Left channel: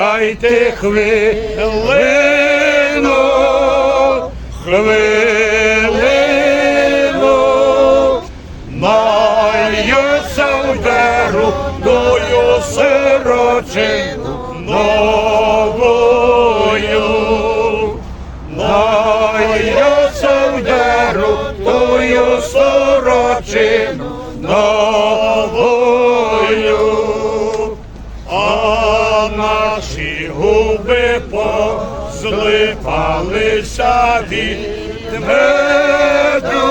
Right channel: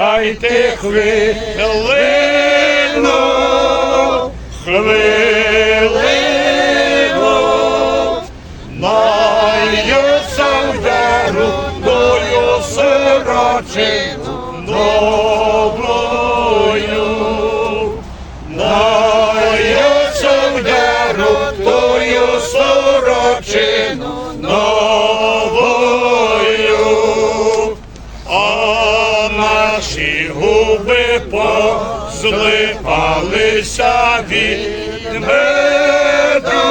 Дайте хвилину, хвилину, маюся вдару тою сирочину позлипалися від меду,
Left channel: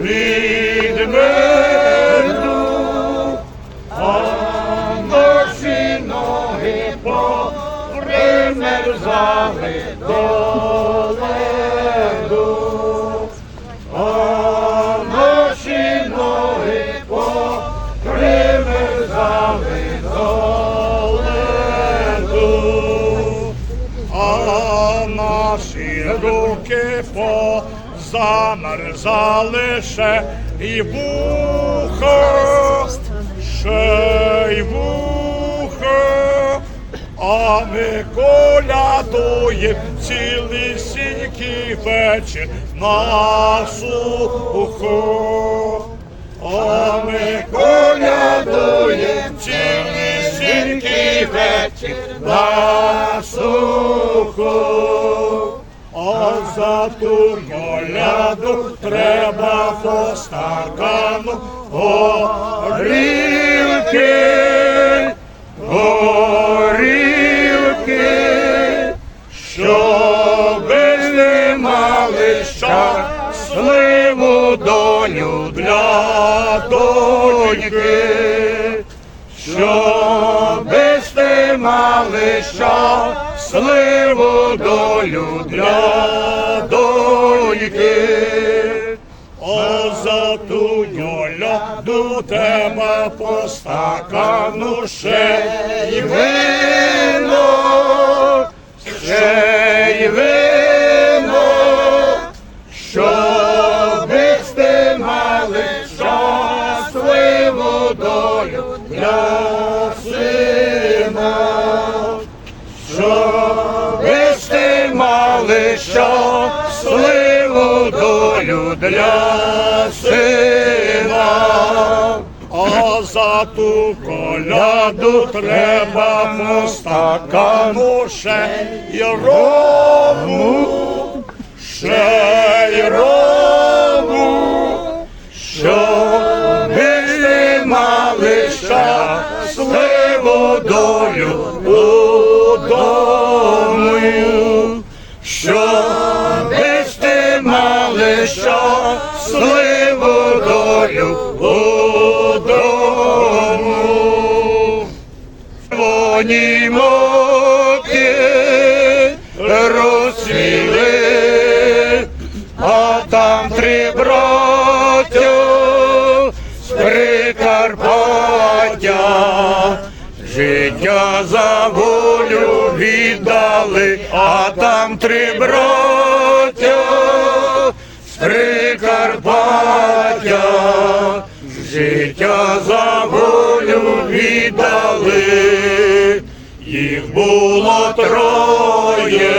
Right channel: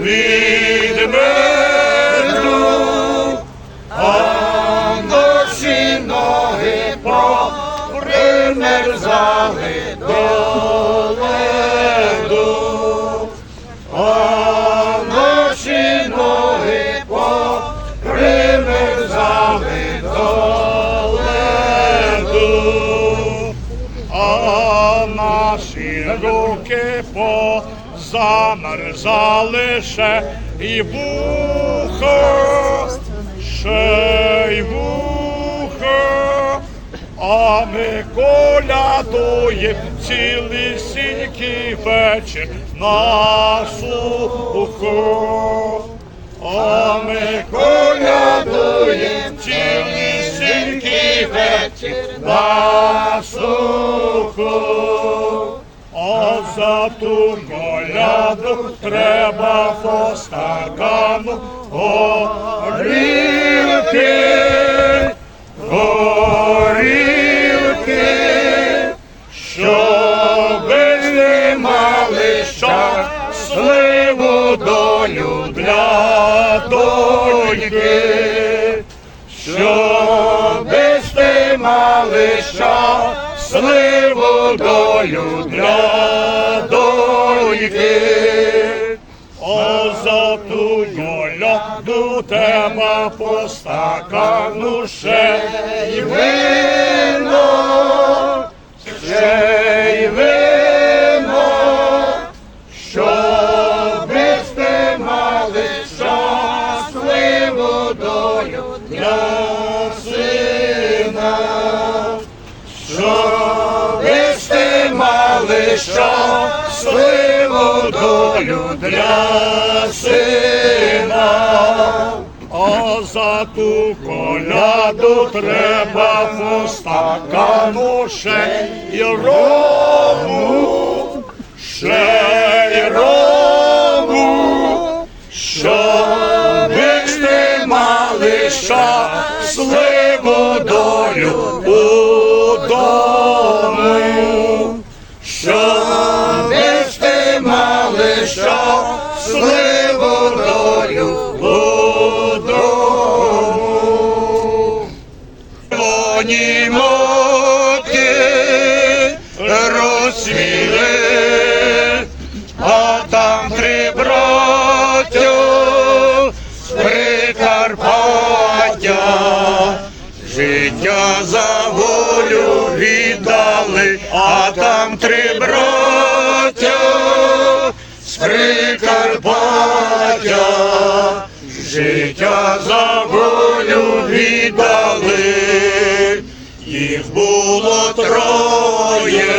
від меду, а наші ноги попримерзали до руки позамерзали ще і вухо, ще й вухо, а ми колядуєм цілісінький вечір на сухо. А ми колядуєм цілісінький вечір на сухо. За ту коляду треба по стакану горілки, горілки, щоби не мали щасливу долю для доньки, щоби сте мали щасливу долю для доньки. А за ту голяду тебе по стакану ще й вино, ще й вино, щоби сте мали щасливу долю. для щасливу долю для сина. А за ту коляду треба по стакану рому, ще й рому, Вони муки розсвіли, а там три браття з Прикарпаття. Життя за волю віддали, а там три браття з Прикарпаття. Життя за волю віддали, їх було троє,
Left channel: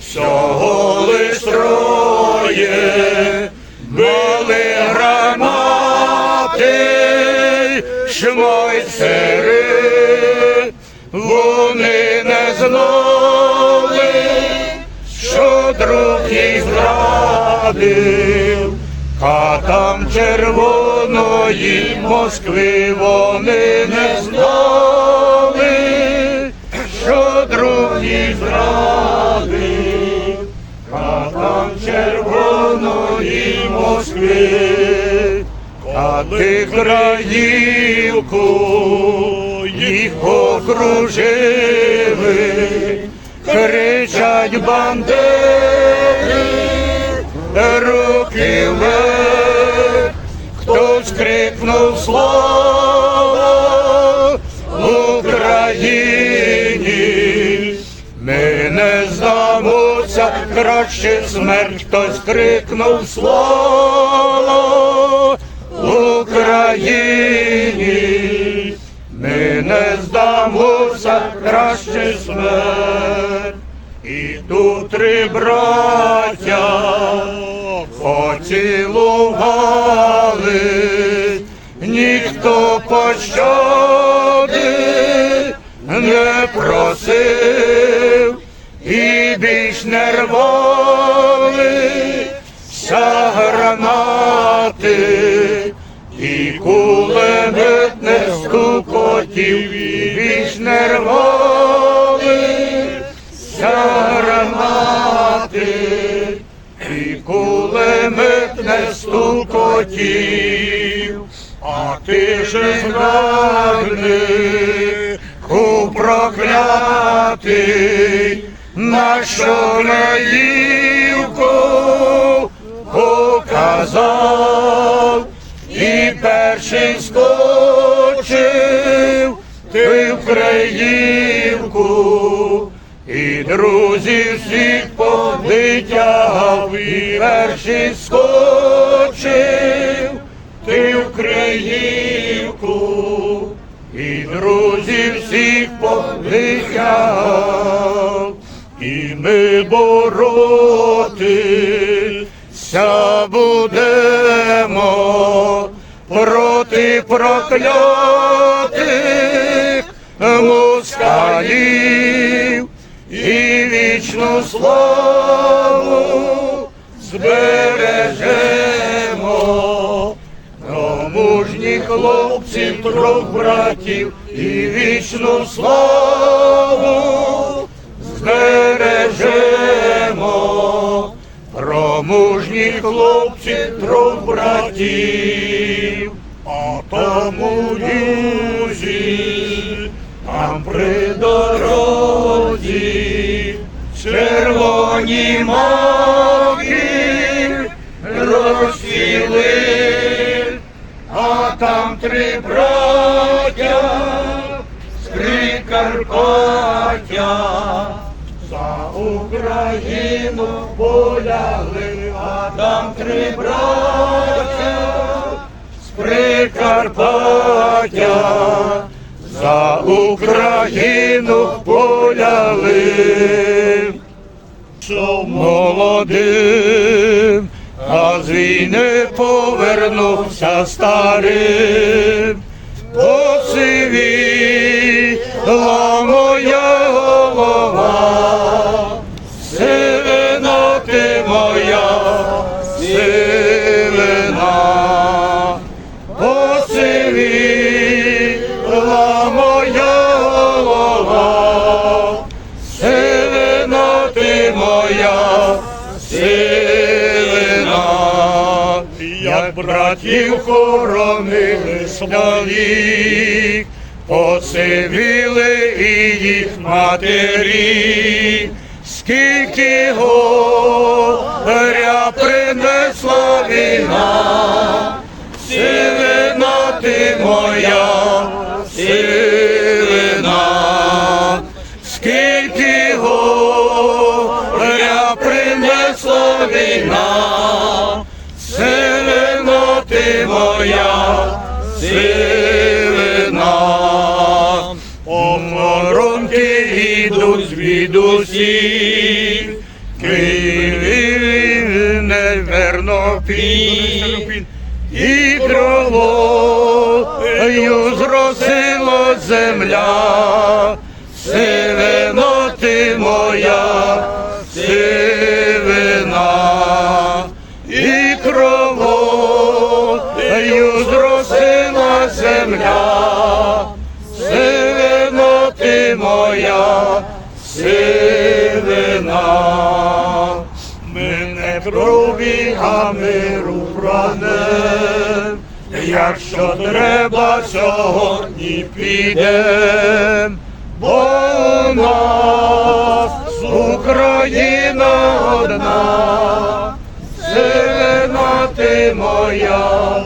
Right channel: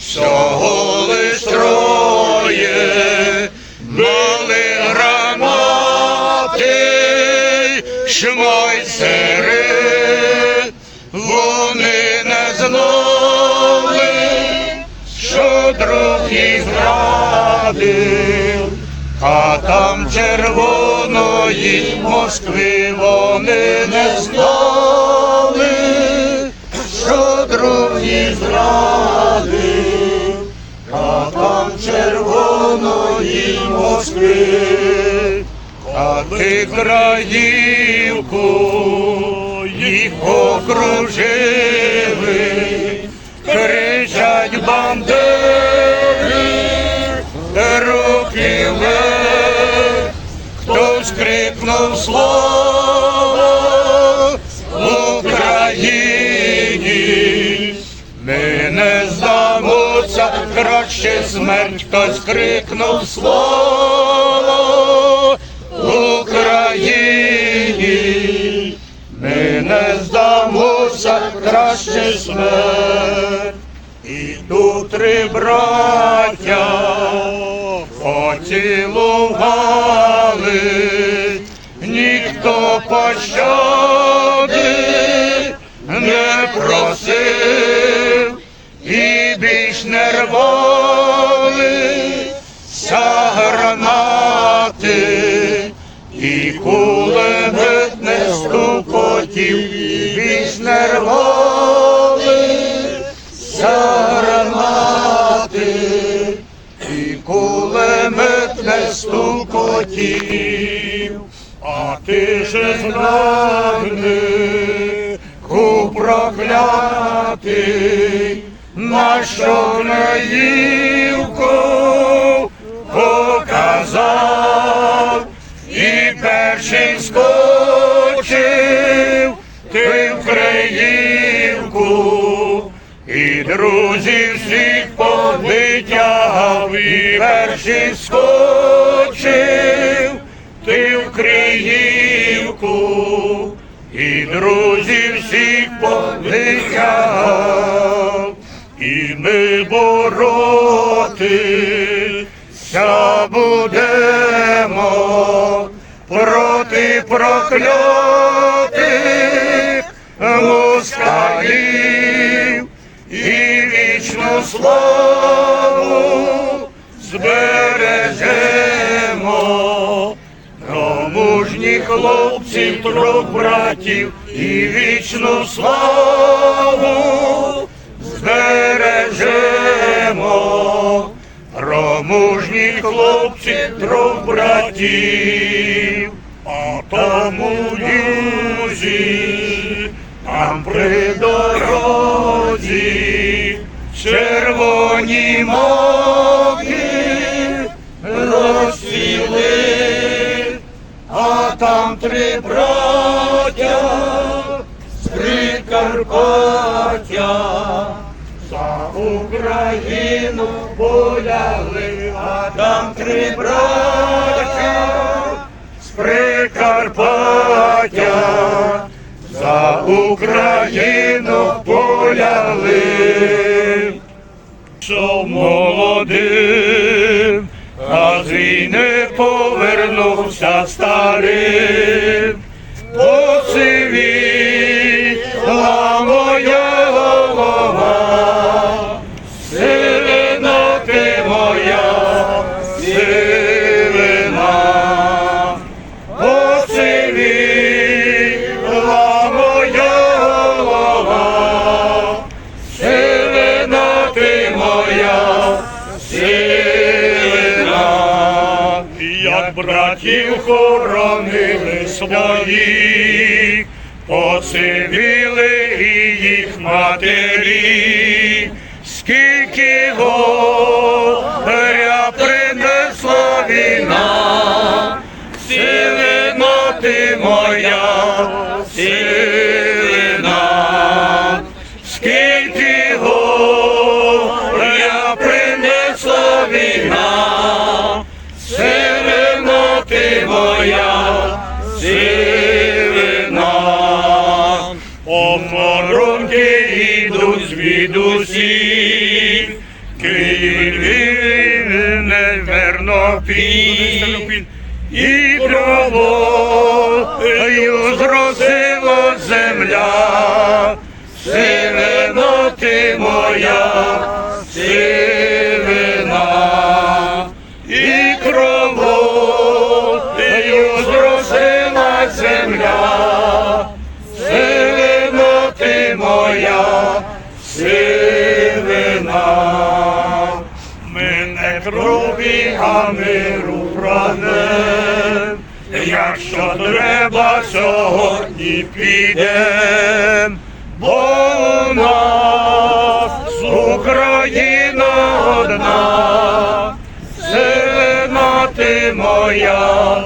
всього лиш троє, мали громади, шмайсери, вони не знали, що друг їх зрадив. Хатам червоної Москви вони не знали, друг їх зрадив. Хатам червоної Москви, коли краївку їх окружили, кричать бандери, руки вверх, хтось крикнув слово смерть, хтось крикнув слово Україні. Ми не здамося, краще смерть. І тут три браття поцілували, і кулемет не стукотів, а ти же зрадник, у проклятий, що краївку перший ти в Криївку, і друзів всіх повитягав, і ми боротися будемо проти проклятих москалів і вічну славу збережемо. Про мужні хлопці, трьох братів і вічну славу збережемо. Про мужні хлопці, трьох братів, а тому юзі, там при дорозі, червоні маки розцвіли, а там три браття з Прикарпаття. За Україну полягли, а там три браття з Прикарпаття. За Україну полягли. Що молодим, повернувся старим. Братів хоронили своїх, поцивіли і їх матері, скільки горя звідусіль, Київ неверно пінь, і травою зросила земля, сивина ти моя, а миру прагнем, якщо треба, сьогодні підем, бо нас Україна одна, сивина ти моя,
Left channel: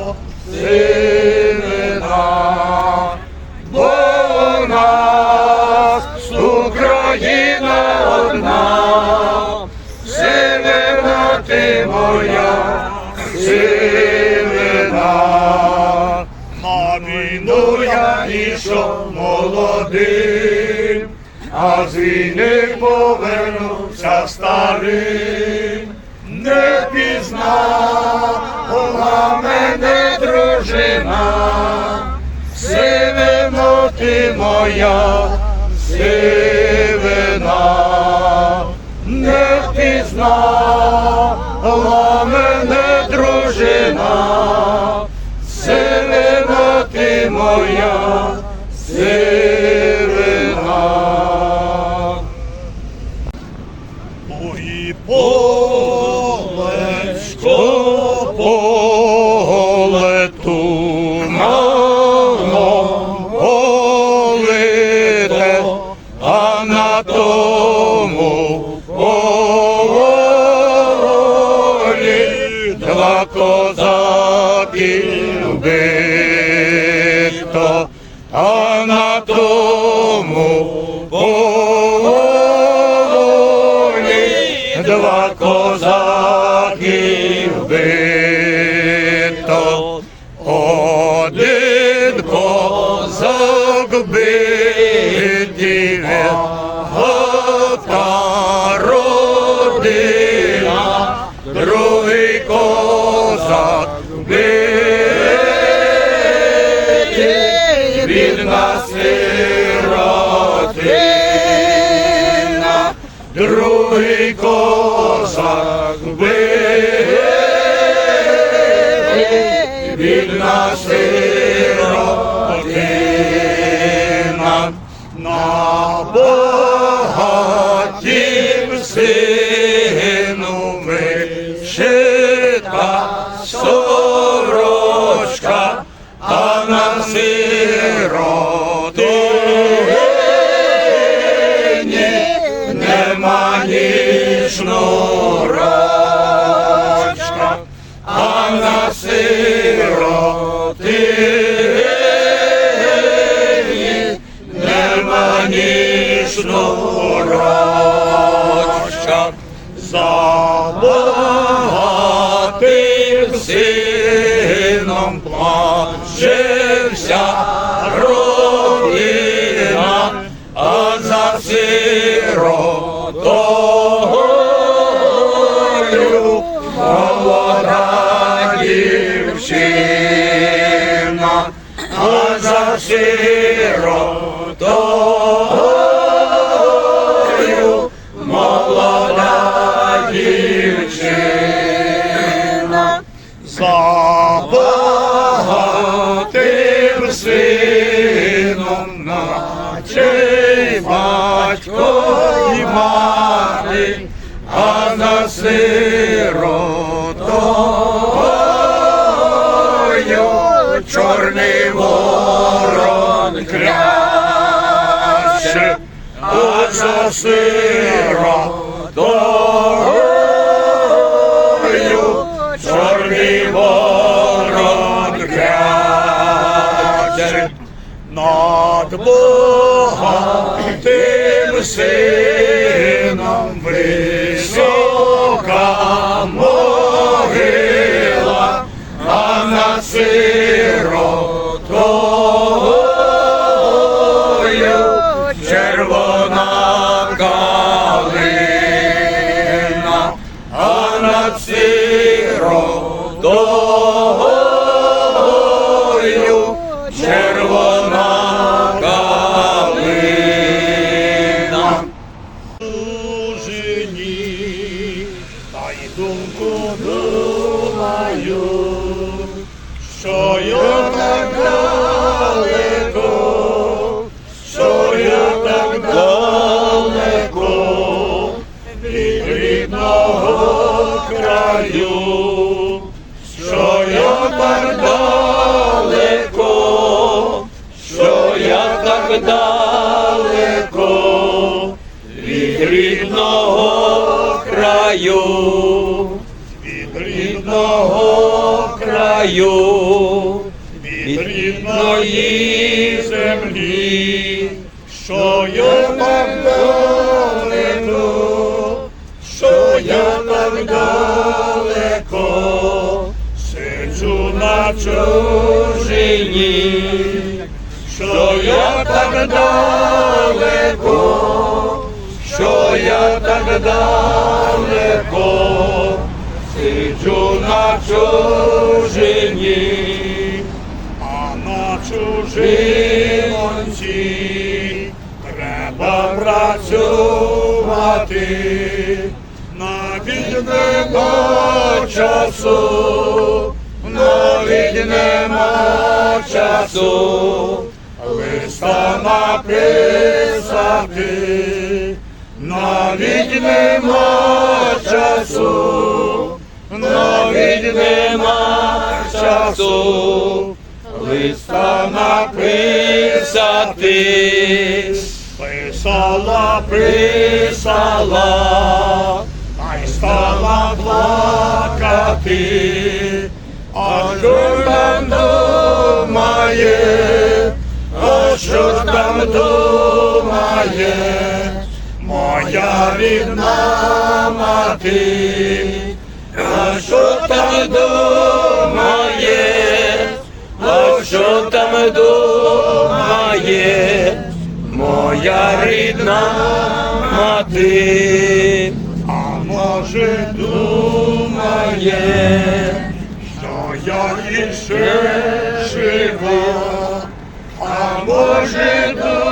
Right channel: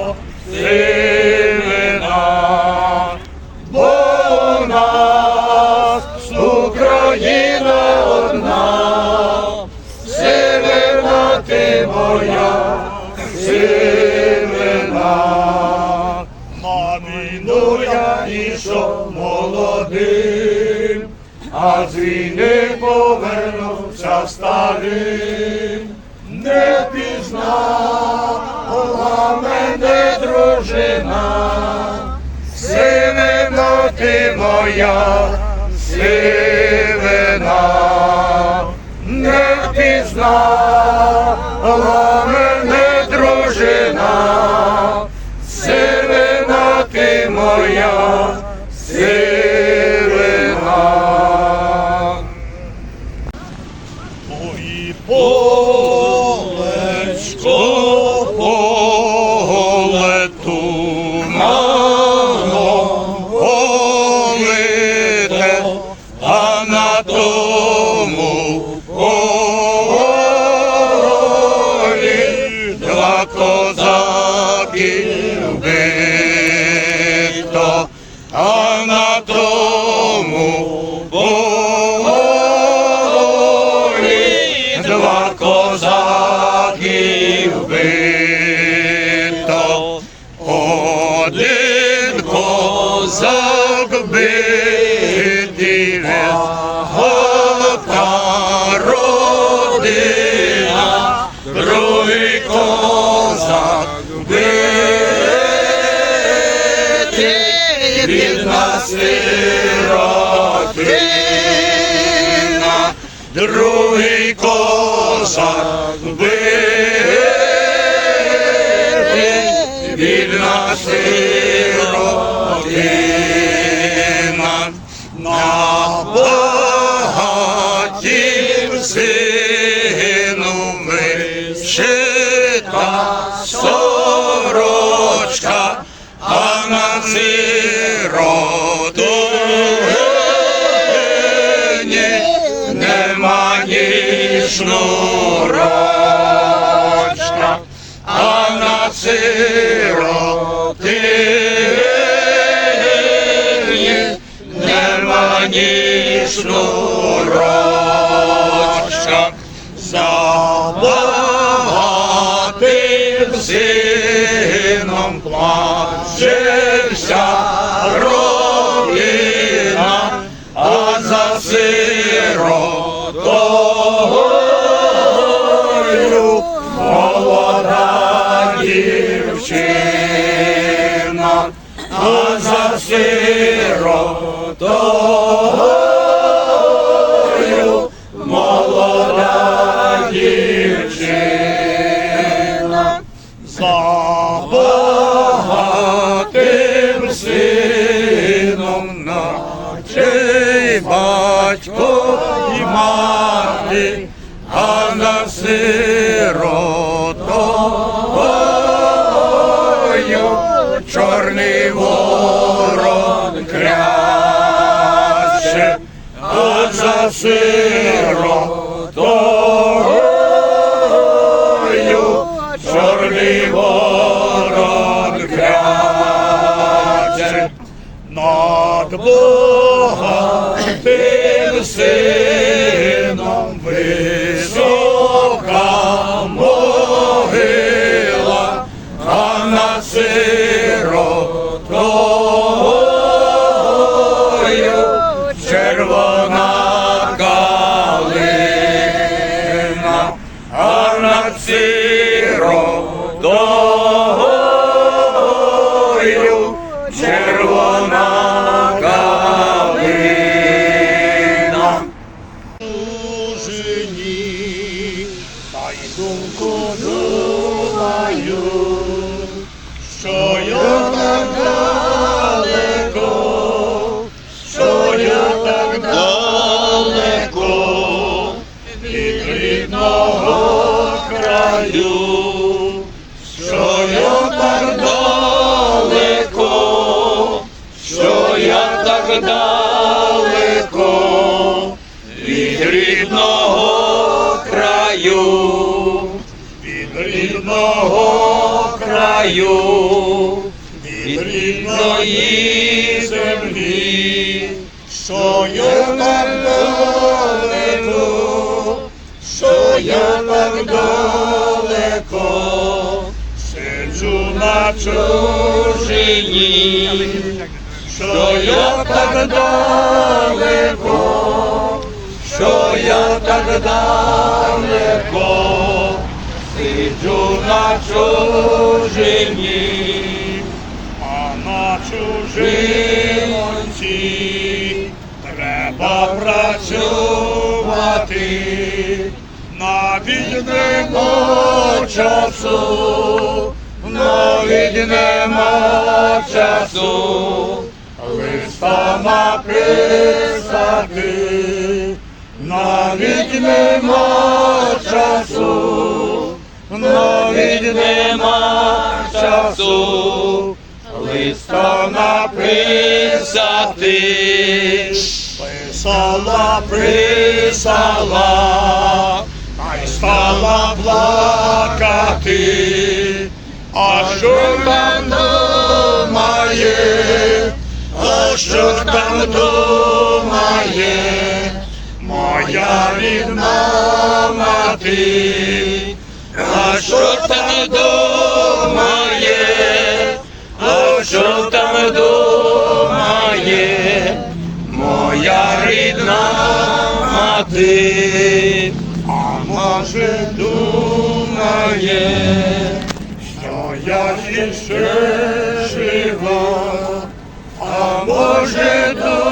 сивина. На війну я ішов молодим, другий козак бив, бідна сиротина на полі. забагатим сином плачешся. чорний ворон кряще, а за сиротою чорний ворон кряще над Богом. я так далеко сиджу на чужині, що я так далеко, що я так далеко, сиджу на чужині, а на чужинці треба працювати навіть часу, навіть нема часу, листа написати, навіть нема часу, навіть нема часу. Листа написати, писала, писала, стала плакати, а що там думає, а що там думає, моя рідна мати, а що там думає, а що там думає? Моя рідна мати, думає, що я іще живу, а може думає,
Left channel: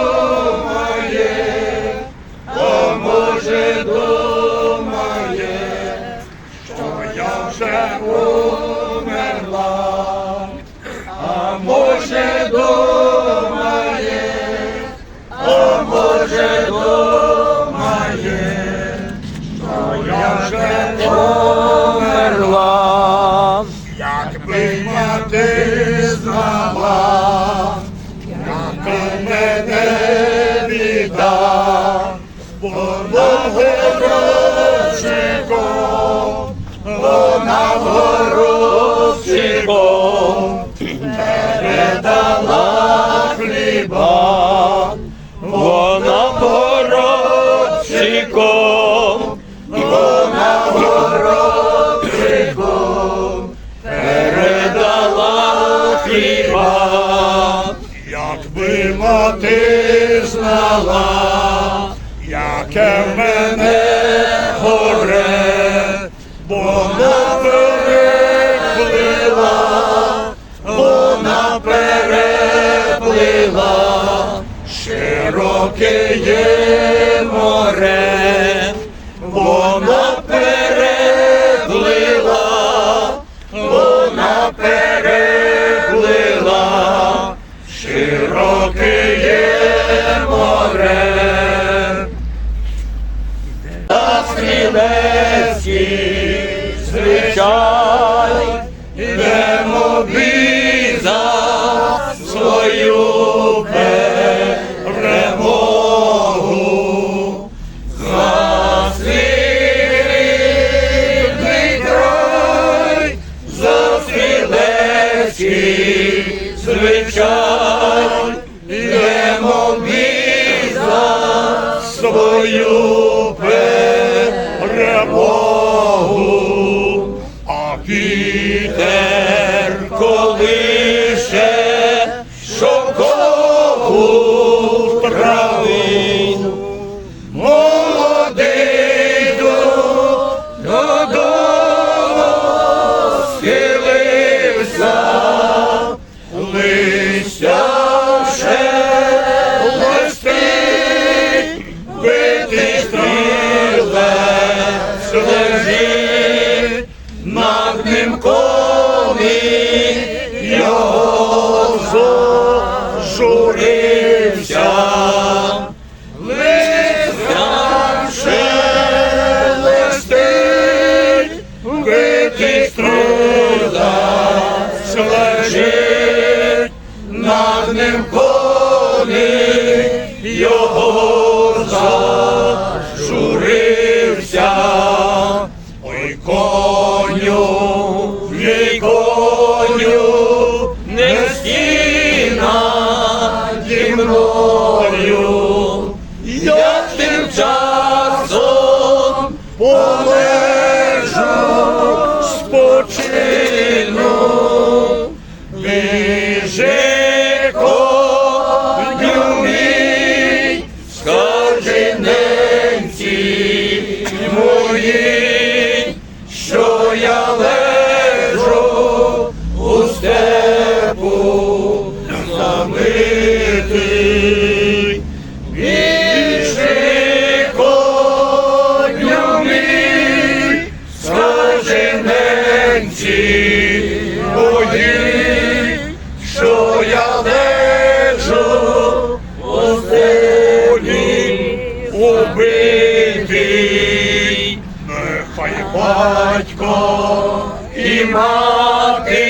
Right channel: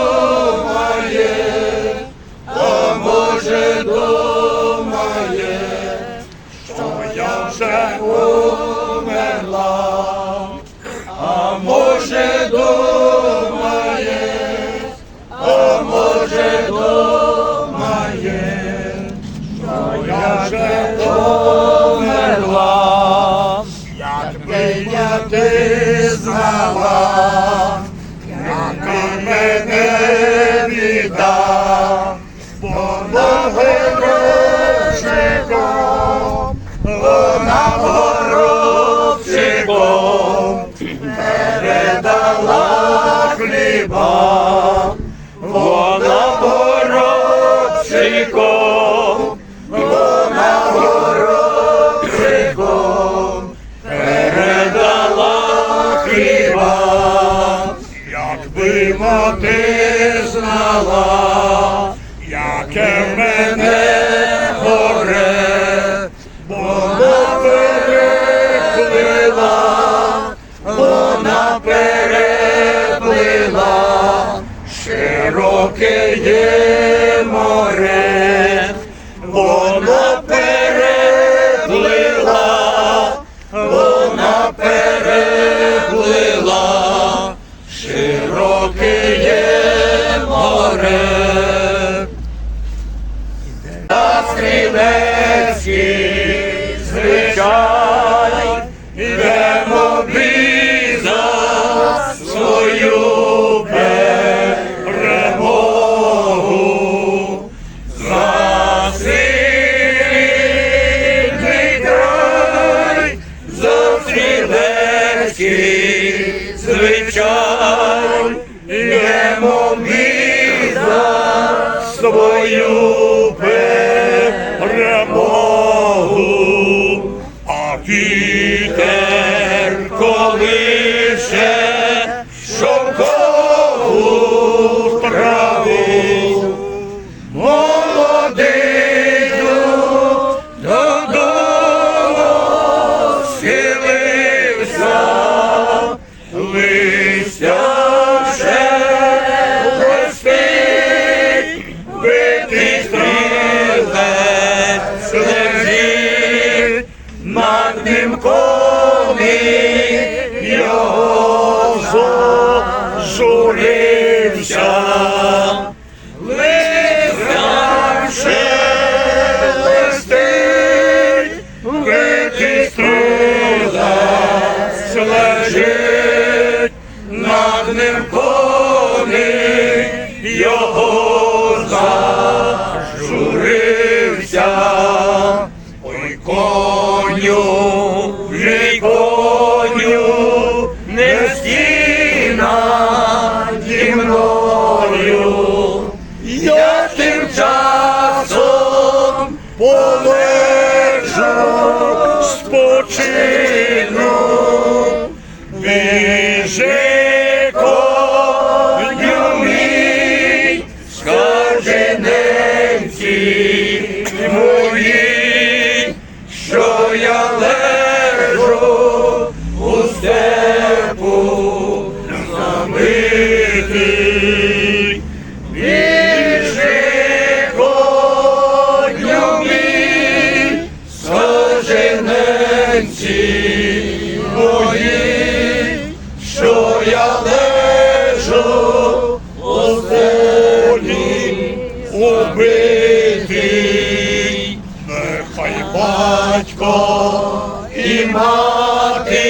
горобчиком, вона горобчиком передала хліба, якби мати знала, яке мене горе, вона переплила, вона переплила широке є звичай, ідемо бій Lord, батько і мати,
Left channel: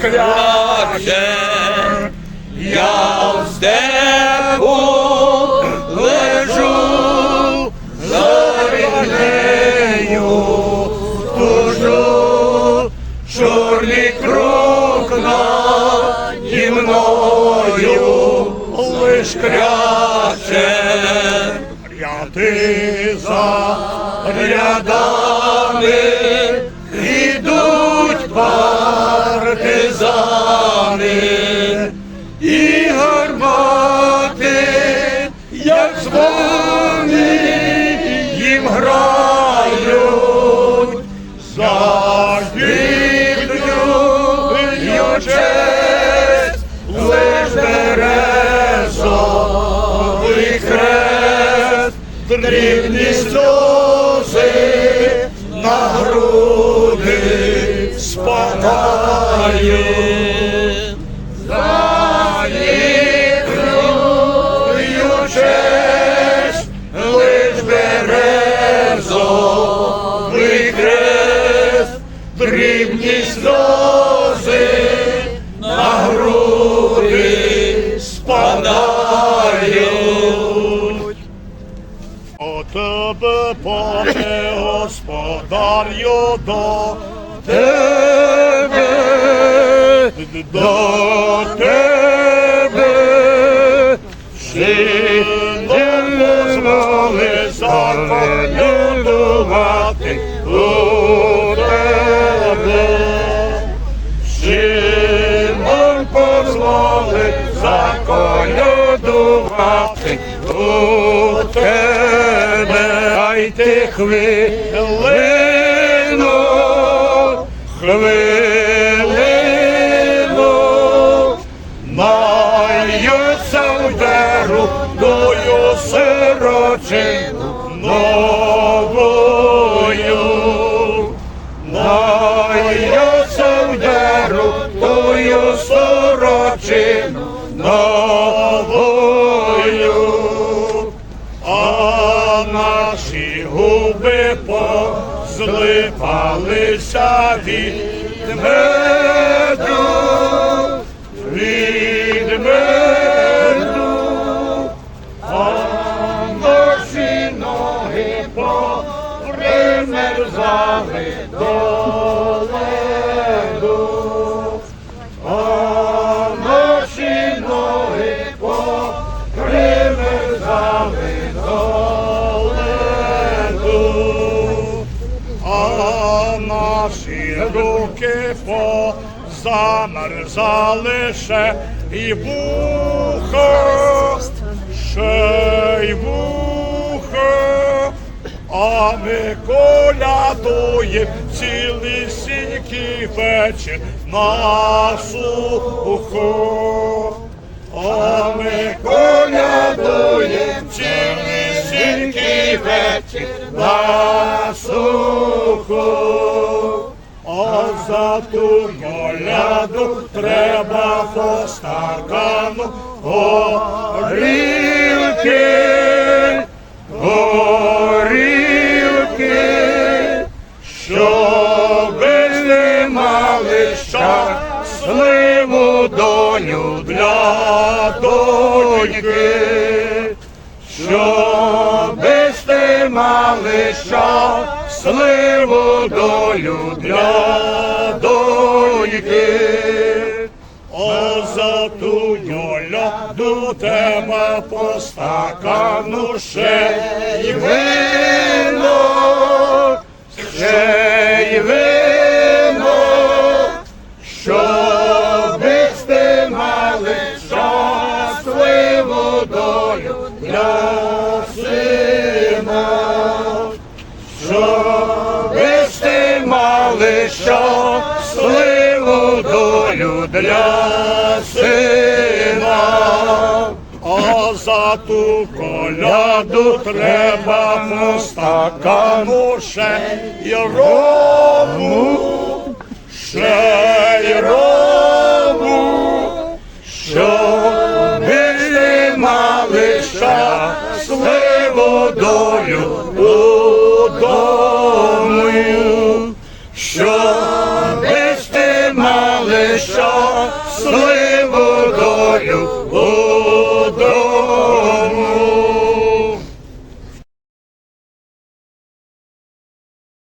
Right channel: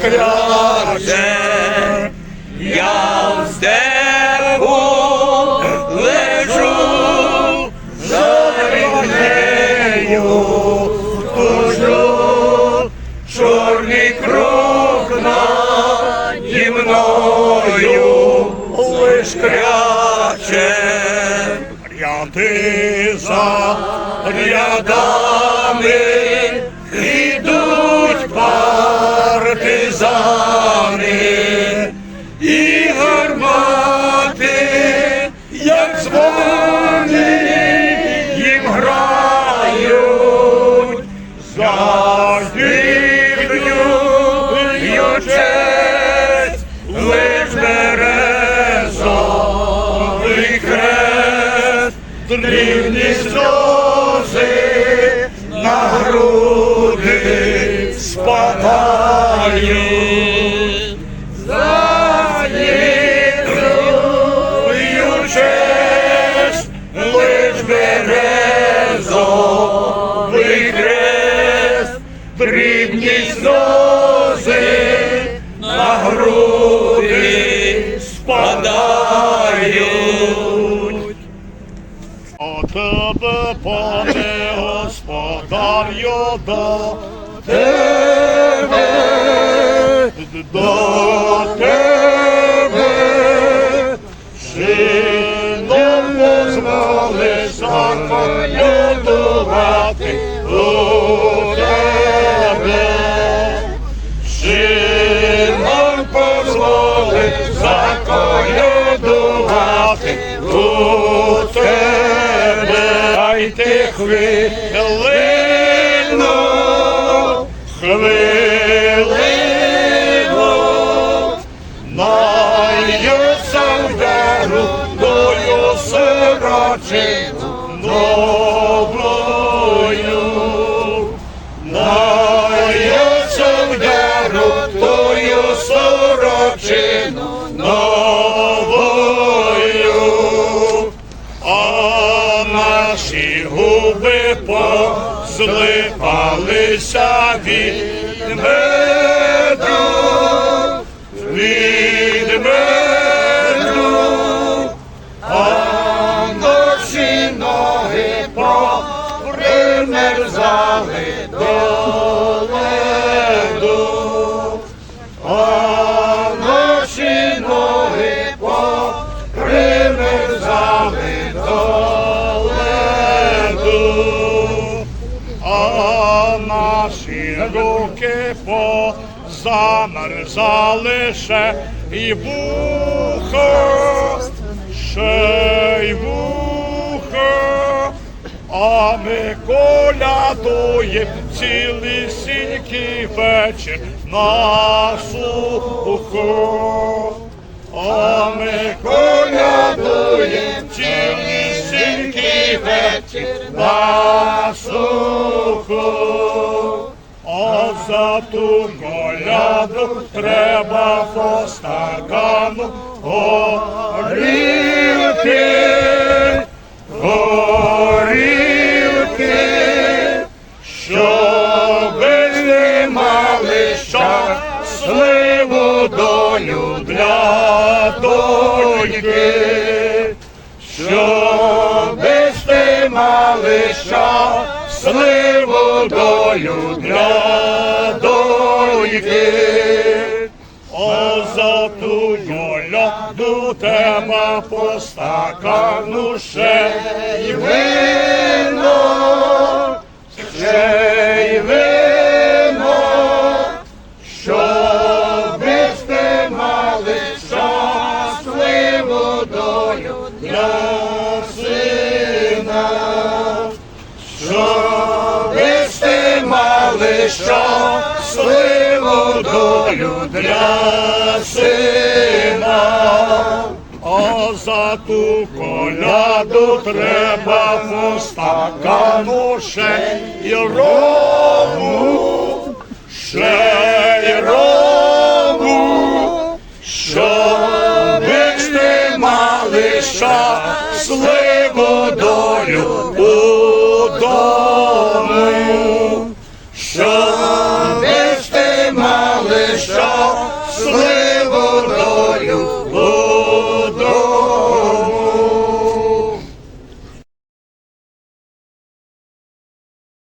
лиш. Я в степу лежу, за нею тужу, чорний круг наді мною лиш кряче. Ряди за рядами Дайте хвилину, позлипалися від меду, руки позамерзали ще і вухо, ще й вухо, а ми колядуєм цілісінький вечір на сухо. А ми колядуєм цілісінький вечір на сухо. За ту коляду треба по стакану горілки, горілки, щоби не мали щасливу долю для доньки, щоби сте мали щасливу долю для коляду тебе по стакану ще й вино, ще й вино, щоби сте мали щасливу долю для сина. Щоби сте мали щасливу долю для сина. А ту коляду треба по стакану ще рому, ще й рому,